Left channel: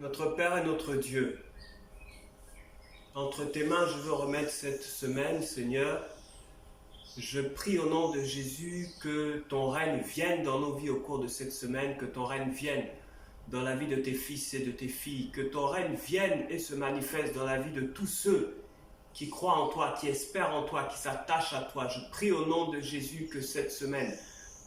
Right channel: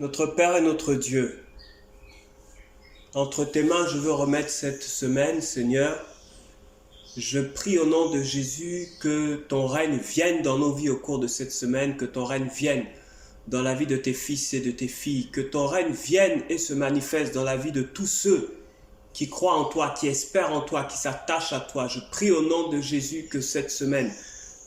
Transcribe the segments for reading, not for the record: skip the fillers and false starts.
Notre Père et notre Dieu, entre tes mains, je veux remettre cette semaine, Seigneur. Je prie au nom de Jésus que ton règne vienne dans nos vies au cours de cette semaine, que ton règne vienne dans la vie de tes fils et de tes filles, que ton règne vienne et se manifeste dans la vie de tous ceux qui croient en toi, qui espèrent en toi, qui s'attachent à toi. Je prie au nom de Jésus que cette semaine,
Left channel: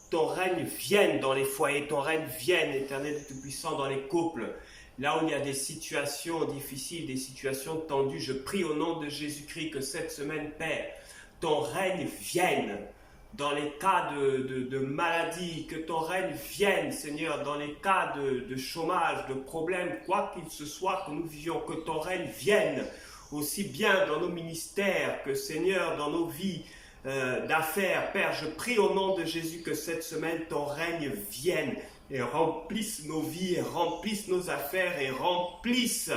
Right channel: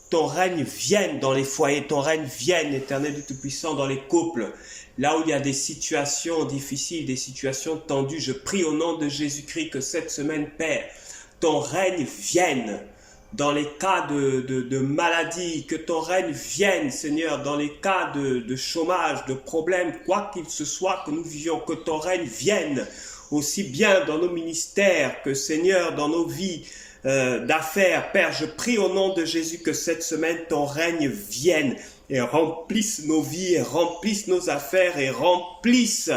ton règne vienne dans les foyers, ton règne vienne, Éternel du Tout-Puissant, dans les couples. Là où il y a des situations difficiles, des situations tendues, je prie au nom de Jésus-Christ que cette semaine, Père, ton règne vienne dans les cas de maladie, que ton règne vienne, Seigneur, dans les cas de chômage, de problèmes, quoi qu'il se soit que nous vivions, que ton règne vienne aussi bien dans nos ministères que, Seigneur, dans nos vies d'affaires. Père, je prie au nom de Jésus que cette semaine, ton règne vienne et remplisse nos vies, et remplisse nos affaires, et remplisse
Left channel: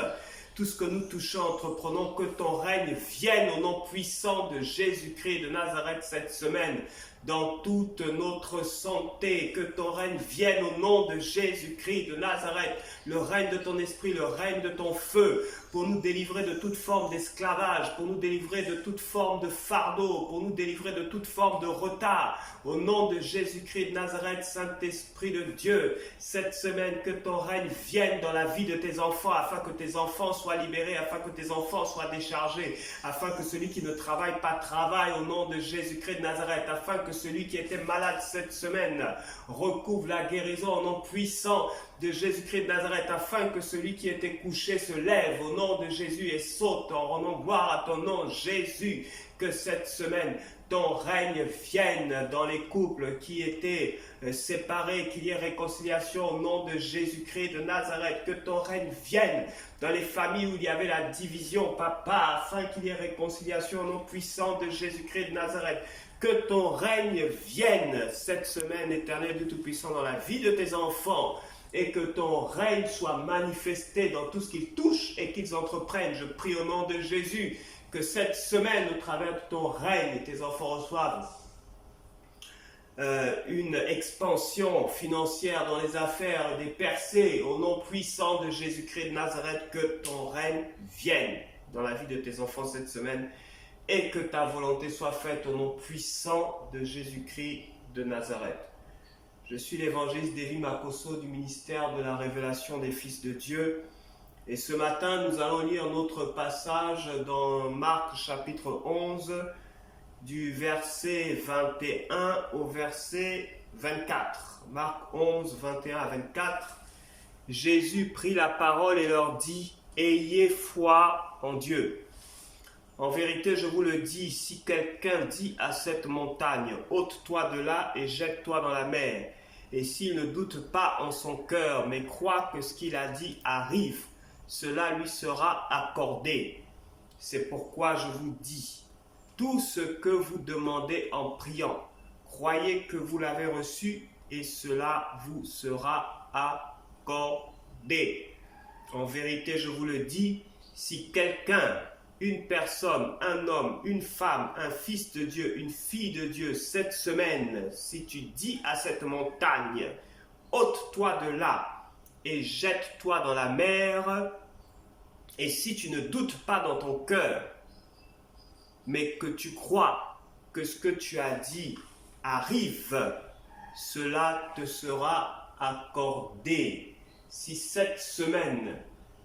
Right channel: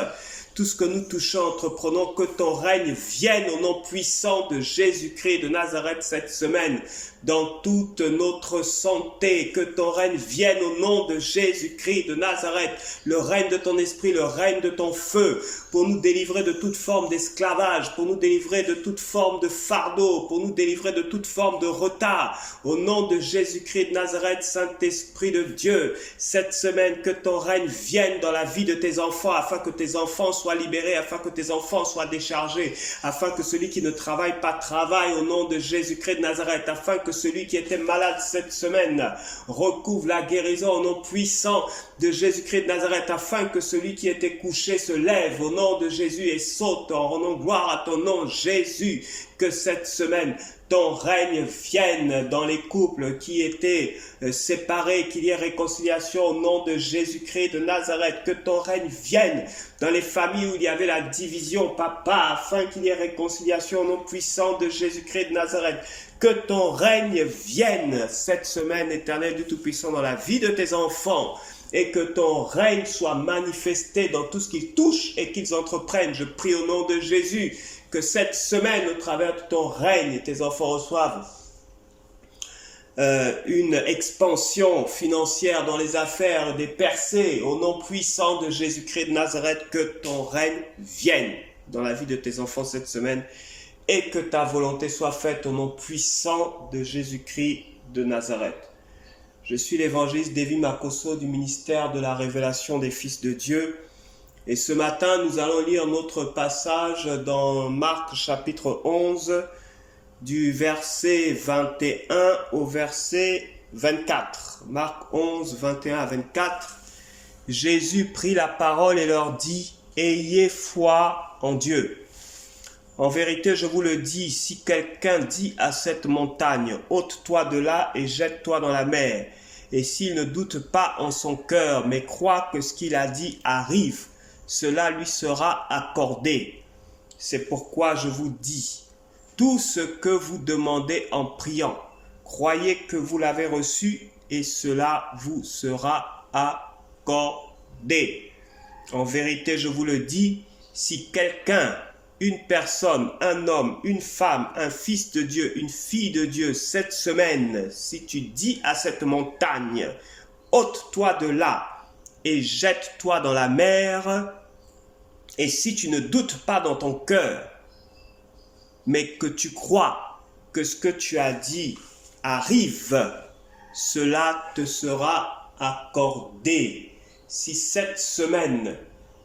tout ce que nous touchons, entreprenons, que ton règne vienne au nom puissant de Jésus-Christ de Nazareth cette semaine, dans toute notre santé, que ton règne vienne au nom de Jésus-Christ de Nazareth, le règne de ton esprit, le règne de ton feu, pour nous délivrer de toute forme d'esclavage, pour nous délivrer de toute forme de fardeau, pour nous délivrer de toute forme de retard, au nom de Jésus-Christ de Nazareth, Saint-Esprit de Dieu, cette semaine, que ton règne vienne dans la vie de tes enfants, afin que tes enfants soient libérés, afin que tes enfants soient déchargés, afin que celui qui ne travaille pas travaille au nom de Jésus-Christ de Nazareth, afin que celui qui était malade cette semaine recouvre la guérison au nom puissant de Jésus-Christ de Nazareth, afin que celui qui était couché se lève au nom de Jésus et saute en rendant gloire à ton nom, Jésus. Que cette semaine, ton règne vienne dans les couples qui étaient séparés, qu'il y ait réconciliation au nom de Jésus-Christ de Nazareth, que ton règne vienne dans les familles où il y avait la division, Papa, afin qu'il y ait réconciliation au nom puissant de Jésus-Christ de Nazareth. Que ton règne vienne cette semaine, Éternel du Tout-Puissant, dans la vie de tes enfants, et que ton règne soit manifesté dans tout ce qu'ils touchent et qu'ils entreprennent. Je prie au nom de Jésus que cette semaine, au travers de ton règne, tes enfants reçoivent une expansion financière dans les affaires, des percées, au nom puissant de Jésus-Christ de Nazareth, que ton règne vienne dans la vie de tes enfants cette semaine et que ta volonté soit faite au nom puissant de Jésus-Christ de Nazareth. Je suis l'évangéliste Davy Makosso du ministère de la révélation des fils de Dieu. Et ce matin, nous allons lire notre passage dans Marc chapitre 11, du verset 21 au verset 24. Marc 11, 21 à 24. Jésus prit la parole et leur dit, « Ayez foi en Dieu. En vérité, je vous le dis, si quelqu'un dit à cette montagne, « ôte-toi de là et jette-toi dans la mer », et s'il ne doute pas en son cœur, mais croit que ce qu'il a dit arrive, cela lui sera accordé. C'est pourquoi je vous dis, tout ce que vous demandez en priant, croyez que vous l'avez reçu et cela vous sera accordé. En vérité, je vous le dis, si quelqu'un, une personne, un homme, une femme, un fils de Dieu, une fille de Dieu, cette semaine, si tu dis à cette montagne, ôte-toi de là et jette-toi dans la mer, et si tu ne doutes pas dans ton cœur, mais que tu crois que ce que tu as dit arrive, cela te sera accordé. Si cette semaine,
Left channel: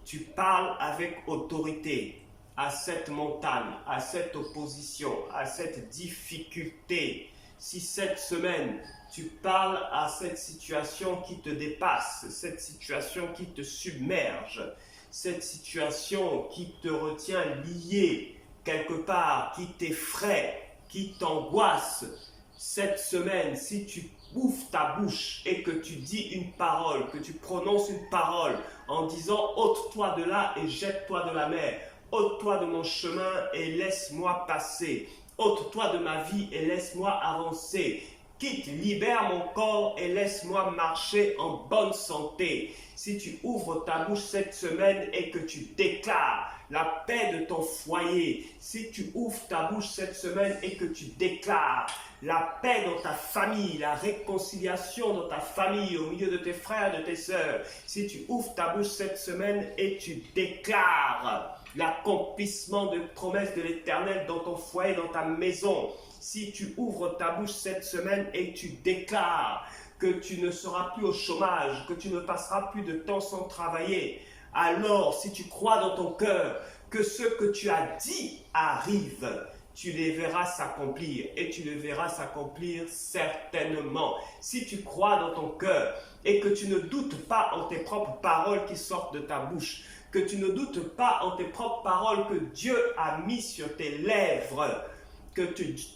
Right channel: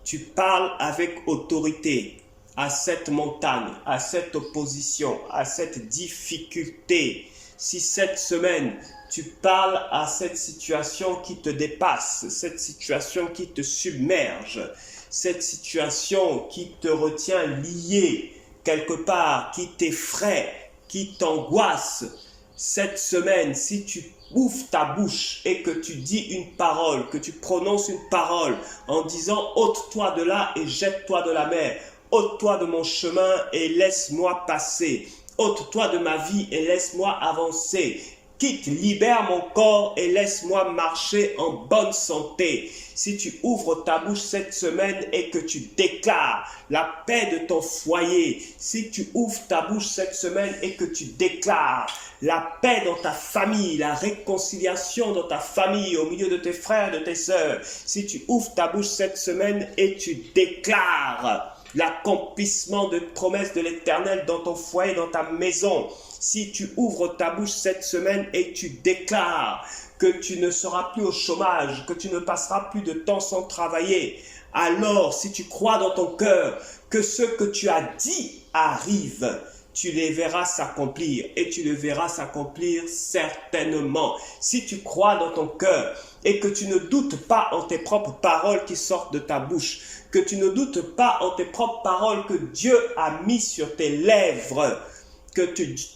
tu parles avec autorité à cette montagne, à cette opposition, à cette difficulté, si cette semaine, tu parles à cette situation qui te dépasse, cette situation qui te submerge, cette situation qui te retient lié quelque part, qui t'effraie, qui t'angoisse, cette semaine, si tu ouvres ta bouche et que tu dis une parole, que tu prononces une parole en disant « ôte-toi de là et jette-toi de la mer », « ôte-toi de mon chemin et laisse-moi passer », « ôte-toi de ma vie et laisse-moi avancer », Quitte, libère mon corps et laisse-moi marcher en bonne santé. Si tu ouvres ta bouche cette semaine et que tu déclares la paix de ton foyer, si tu ouvres ta bouche cette semaine et que tu déclares la paix dans ta famille, la réconciliation dans ta famille, au milieu de tes frères, de tes sœurs, si tu ouvres ta bouche cette semaine et tu déclares l'accomplissement de promesses de l'Éternel dans ton foyer, dans ta maison, si tu ouvres ta bouche cette semaine et tu déclares que tu ne seras plus au chômage, que tu ne passeras plus de temps sans travailler, alors si tu crois dans ton cœur que ce que tu as dit arrive, tu les verras s'accomplir et tu le verras s'accomplir certainement. Si tu crois dans ton cœur et que tu ne doutes pas en tes propres paroles qui sortent de ta bouche, que tu ne doutes pas en tes propres paroles que Dieu a mis sur tes lèvres,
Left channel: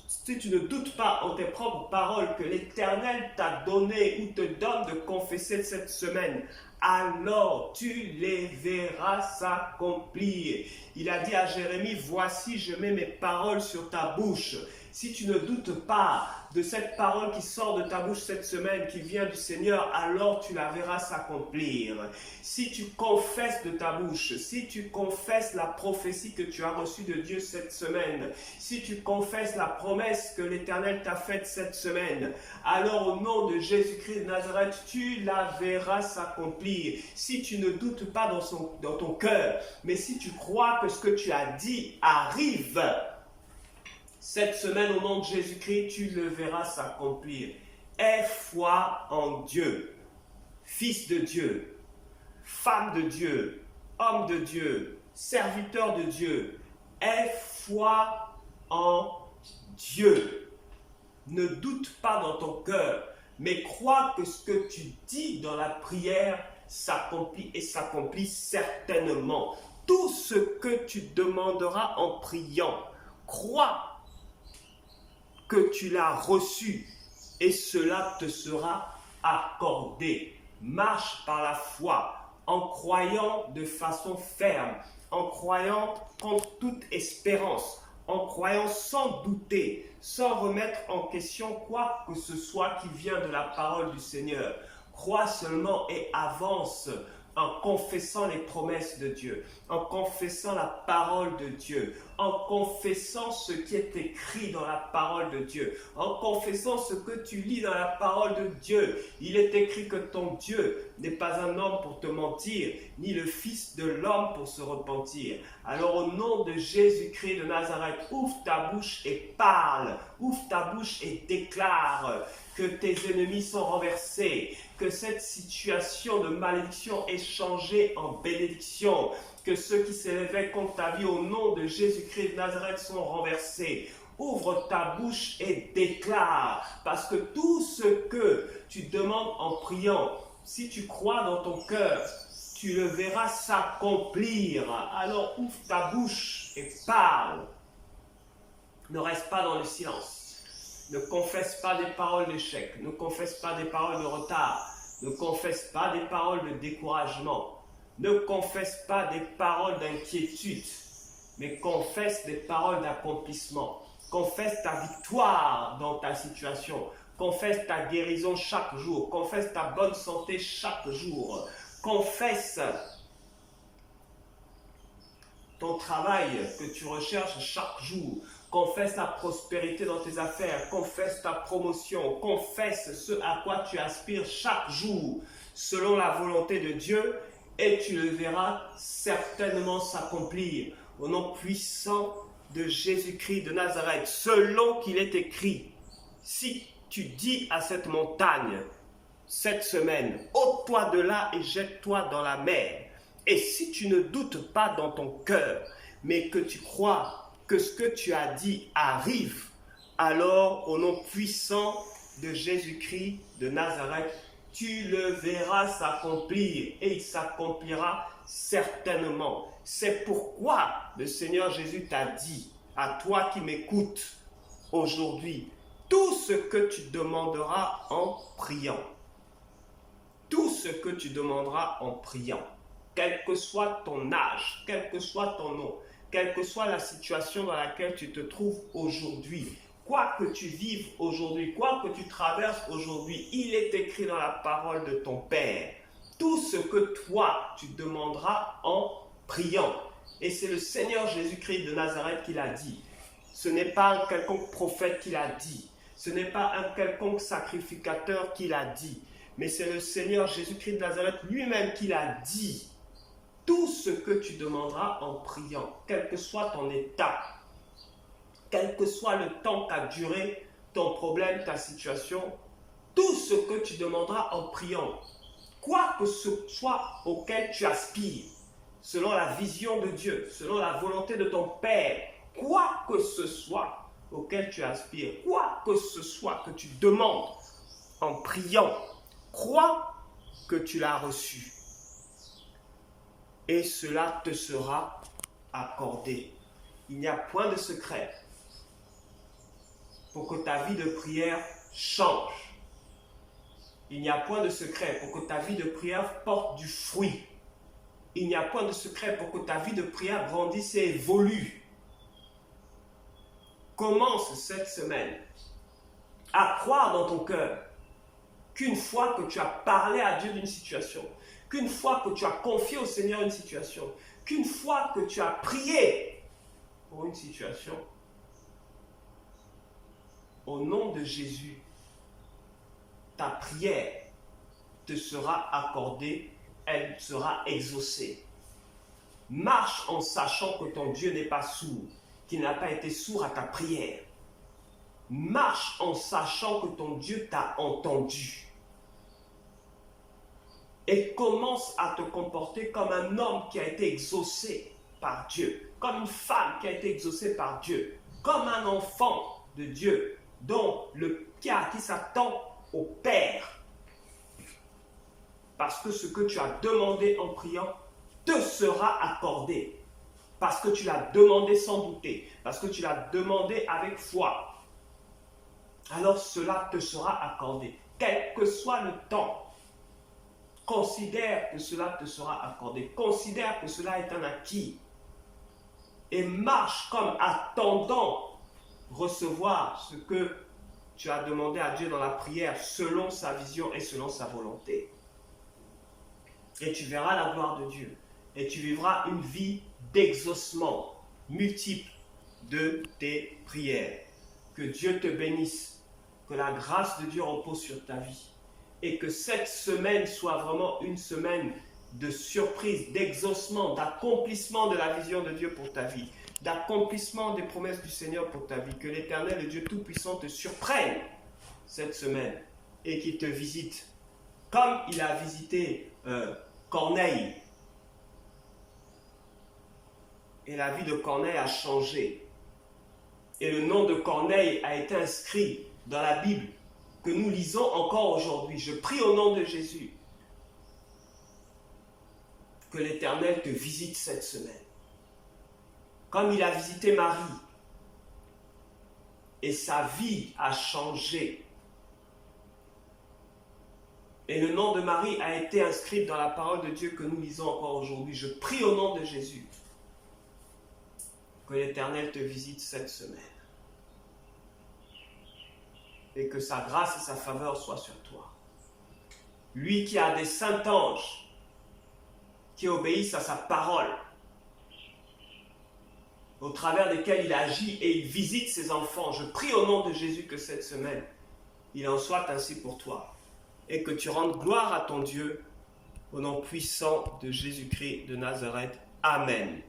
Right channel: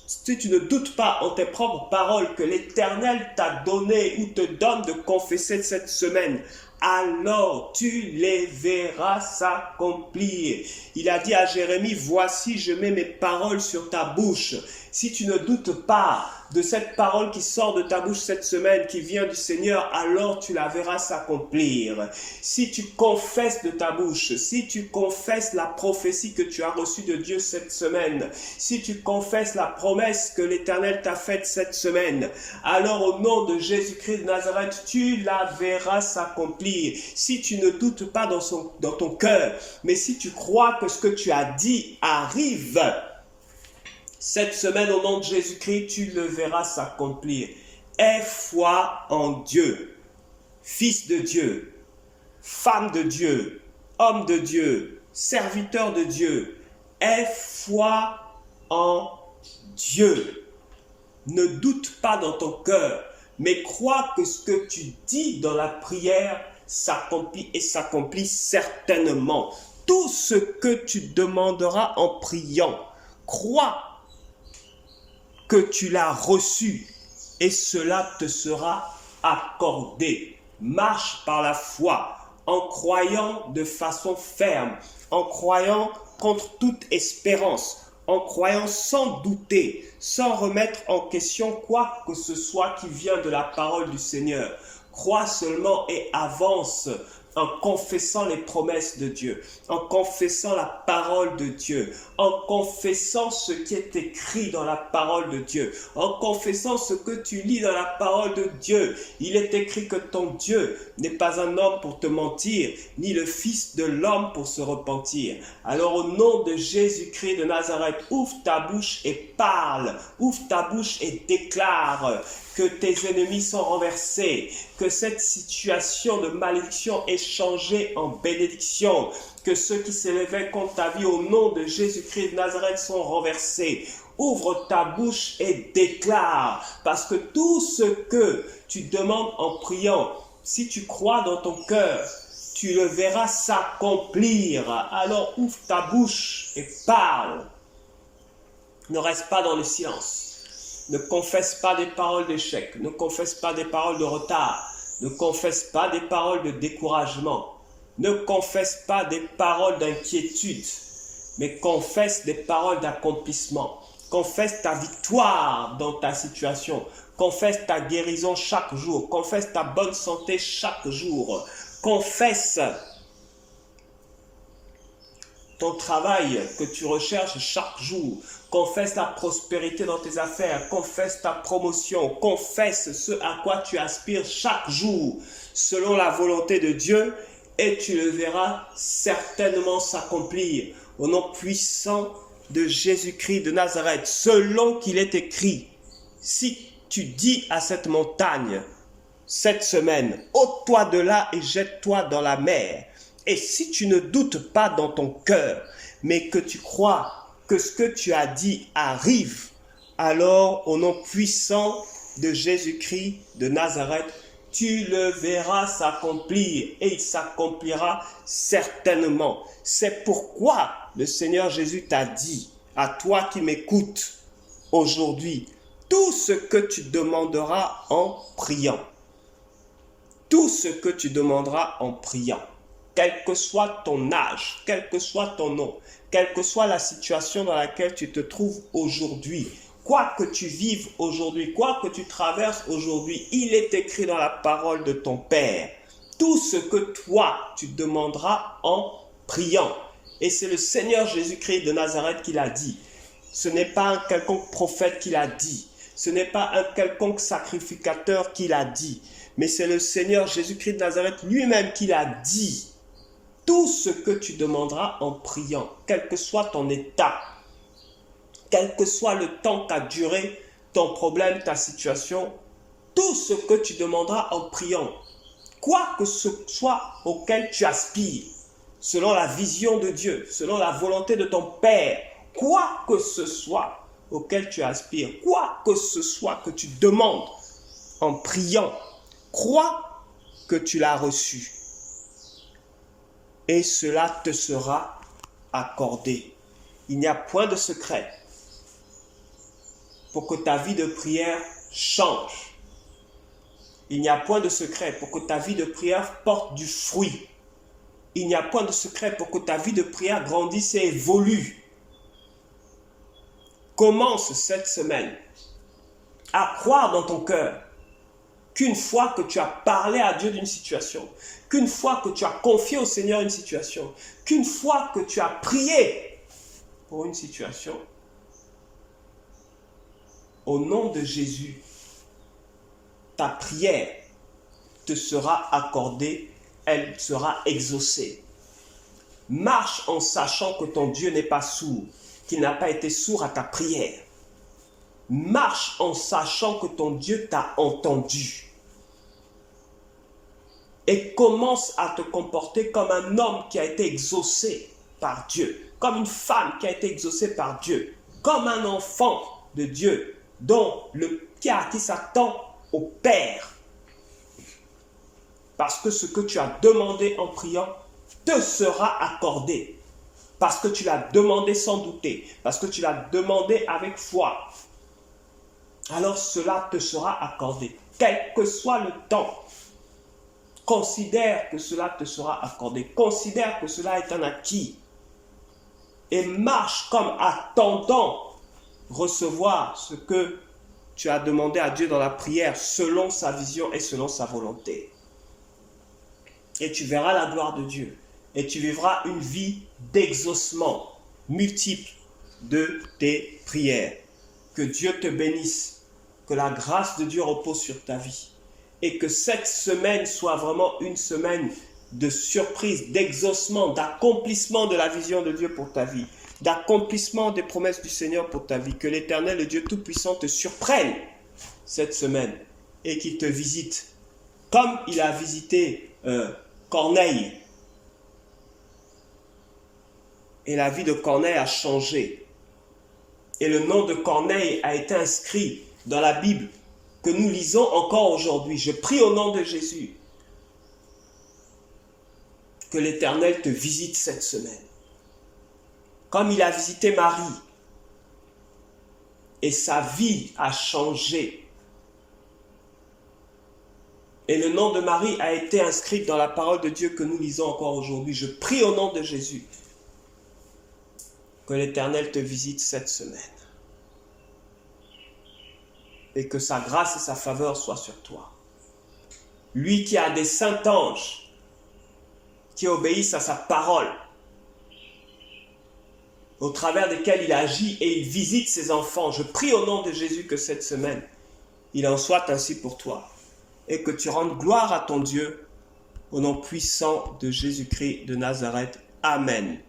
si tu ne doutes pas en tes propres paroles que l'Éternel t'a donné ou te donne de confesser cette semaine, alors tu les verras s'accomplir. Il a dit à Jérémie, voici je mets mes paroles sur ta bouche. Si tu ne doutes pas de cette parole qui sort de ta bouche cette semaine, qui vient du Seigneur, alors tu la verras s'accomplir. Si tu confesses de ta bouche, si tu confesses la prophétie que tu as reçue de Dieu cette semaine, si tu confesses la promesse que l'Éternel t'a faite cette semaine, alors au nom de Jésus-Christ de Nazareth, tu la verras s'accomplir. Si tu ne doutes pas dans ton cœur, mais si tu crois que ce que tu as dit arrive, cette semaine, au nom de Jésus-Christ, tu le verras s'accomplir. Aie foi en Dieu, fils de Dieu, femme de Dieu, homme de Dieu, serviteur de Dieu. Aie foi en Dieu. Ne doute pas dans ton cœur, mais crois que ce que tu dis dans la prière s'accomplit et s'accomplit certainement. Tout ce que tu demanderas en priant, crois que tu l'as reçu et cela te sera accordé. Marche par la foi en croyant de façon ferme, en croyant contre toute espérance, en croyant sans douter, sans remettre en question quoi que ce soit qui vient de la parole du Seigneur. Crois seulement et avance en confessant les promesses de Dieu, en confessant la parole de Dieu, en confessant ce qui est écrit dans la parole de Dieu, en confessant ce que tu lis dans la parole de Dieu. Il est écrit que ton Dieu n'est pas un homme pour te mentir, ni le fils de l'homme pour se repentir. Alors au nom de Jésus-Christ de Nazareth, ouvre ta bouche et parle, ouvre ta bouche et déclare que tes ennemis sont renversés, que cette situation de malédiction est changée en bénédiction, que ceux qui s'élevaient contre ta vie au nom de Jésus-Christ de Nazareth sont renversés. Ouvre ta bouche et déclare, parce que tout ce que tu demandes en priant, si tu crois dans ton cœur, tu le verras s'accomplir. Alors ouvre ta bouche et parle. Ne reste pas dans le silence. Ne confesse pas des paroles d'échec, ne confesse pas des paroles de retard, ne confesse pas des paroles de découragement, ne confesse pas des paroles d'inquiétude, mais confesse des paroles d'accomplissement. Confesse ta victoire dans ta situation, confesse ta guérison chaque jour, confesse ta bonne santé chaque jour, confesse ton travail que tu recherches chaque jour. Confesse la prospérité dans tes affaires. Confesse ta promotion. Confesse ce à quoi tu aspires chaque jour selon la volonté de Dieu et tu le verras certainement s'accomplir au nom puissant de Jésus-Christ de Nazareth. Selon qu'il est écrit, si tu dis à cette montagne cette semaine, ôte-toi de là et jette-toi dans la mer. Et si tu ne doutes pas dans ton cœur, mais que tu crois que ce que tu as dit arrive, alors au nom puissant de Jésus-Christ de Nazareth, tu le verras s'accomplir et il s'accomplira certainement. C'est pourquoi le Seigneur Jésus t'a dit, à toi qui m'écoutes aujourd'hui, tout ce que tu demanderas en priant, tout ce que tu demanderas en priant, quel que soit ton âge, quel que soit ton nom, quelle que soit la situation dans laquelle tu te trouves aujourd'hui, quoi que tu vives aujourd'hui, quoi que tu traverses aujourd'hui, il est écrit dans la parole de ton Père. Tout ce que toi, tu demanderas en priant. Et c'est le Seigneur Jésus-Christ de Nazareth qui l'a dit. Ce n'est pas un quelconque prophète qui l'a dit. Ce n'est pas un quelconque sacrificateur qui l'a dit. Mais c'est le Seigneur Jésus-Christ de Nazareth lui-même qui l'a dit. Tout ce que tu demanderas en priant, quel que soit ton état, quel que soit le temps qu'a duré ton problème, ta situation, tout ce que tu demanderas en priant, quoi que ce soit auquel tu aspires, selon la vision de Dieu, selon la volonté de ton Père, quoi que ce soit auquel tu aspires, quoi que ce soit que tu demandes en priant, crois que tu l'as reçu. Et cela te sera accordé. Il n'y a point de secret pour que ta vie de prière change. Il n'y a point de secret pour que ta vie de prière porte du fruit. Il n'y a point de secret pour que ta vie de prière grandisse et évolue. Commence cette semaine à croire dans ton cœur qu'une fois que tu as parlé à Dieu d'une situation, qu'une fois que tu as confié au Seigneur une situation, qu'une fois que tu as prié pour une situation, au nom de Jésus, ta prière te sera accordée, elle sera exaucée. Marche en sachant que ton Dieu n'est pas sourd, qu'il n'a pas été sourd à ta prière. Marche en sachant que ton Dieu t'a entendu. Et commence à te comporter comme un homme qui a été exaucé par Dieu, comme une femme qui a été exaucée par Dieu, comme un enfant de Dieu qui s'attend au Père. Parce que ce que tu as demandé en priant te sera accordé. Parce que tu l'as demandé sans douter. Parce que tu l'as demandé avec foi. Alors cela te sera accordé. Quel que soit le temps, considère que cela te sera accordé. Considère que cela est un acquis. Et marche comme attendant recevoir ce que tu as demandé à Dieu dans la prière selon sa vision et selon sa volonté. Et tu verras la gloire de Dieu. Et tu vivras une vie d'exaucement multiple de tes prières. Que Dieu te bénisse. Que la grâce de Dieu repose sur ta vie. Et que cette semaine soit vraiment une semaine de surprise, d'exaucement, d'accomplissement de la vision de Dieu pour ta vie. D'accomplissement des promesses du Seigneur pour ta vie. Que l'Éternel, le Dieu Tout-Puissant, te surprenne cette semaine et qu'il te visite. Comme il a visité Corneille. Et la vie de Corneille a changé. Et le nom de Corneille a été inscrit dans la Bible que nous lisons encore aujourd'hui. Je prie au nom de Jésus que l'Éternel te visite cette semaine. Comme il a visité Marie. Et sa vie a changé. Et le nom de Marie a été inscrit dans la parole de Dieu que nous lisons encore aujourd'hui. Je prie au nom de Jésus que l'Éternel te visite cette semaine. Et que sa grâce et sa faveur soient sur toi. Lui qui a des saints anges qui obéissent à sa parole, au travers desquels il agit et il visite ses enfants. Je prie au nom de Jésus que cette semaine, il en soit ainsi pour toi. Et que tu rendes gloire à ton Dieu au nom puissant de Jésus-Christ de Nazareth. Amen.